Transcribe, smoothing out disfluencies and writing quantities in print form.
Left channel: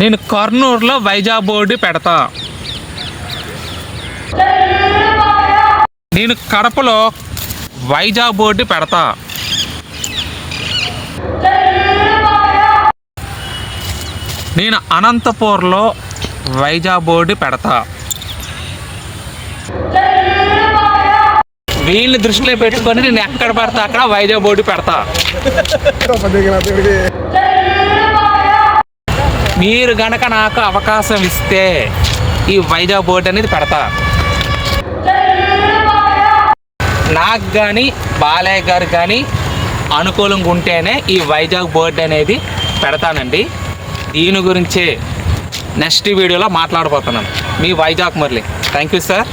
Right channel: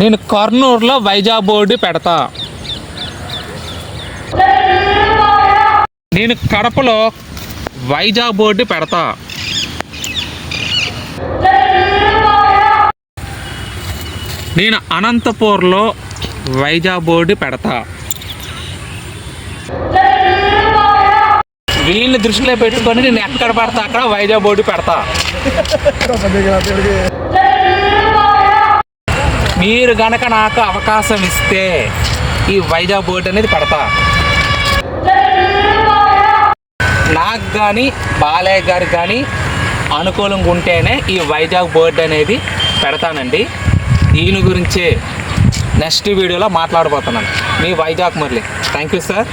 నేను కర్నూలులో వైజాగ్ బోర్డు పెడతా. నేను కడపలో వైజాగ్ బోర్డు పెడతా. నేను అనంతపూర్లో వైజాగ్ బోర్డు పెడతా. వీళ్ళని దృష్టిలో పెట్టుకొని నేను ఎక్కడ పడతా అక్కడ వైజాగ్ బోర్డు పెడతా. మీరు గనక నాకు అవకాశం ఇస్తే ఈ వైజాగ్ బోర్డు అనేది పెడతా. నాకు కానీ బాలయ్య గారు కానీ అనుకూలంగా ఉంటేనే ఈ వైజాగ్ బోర్డు అనేది పెడతానండి. ఈయన గురించి నెక్స్ట్ వీడియోలో మాట్లాడబోతున్నాను. మీ Vizag Murali. Thank you sir.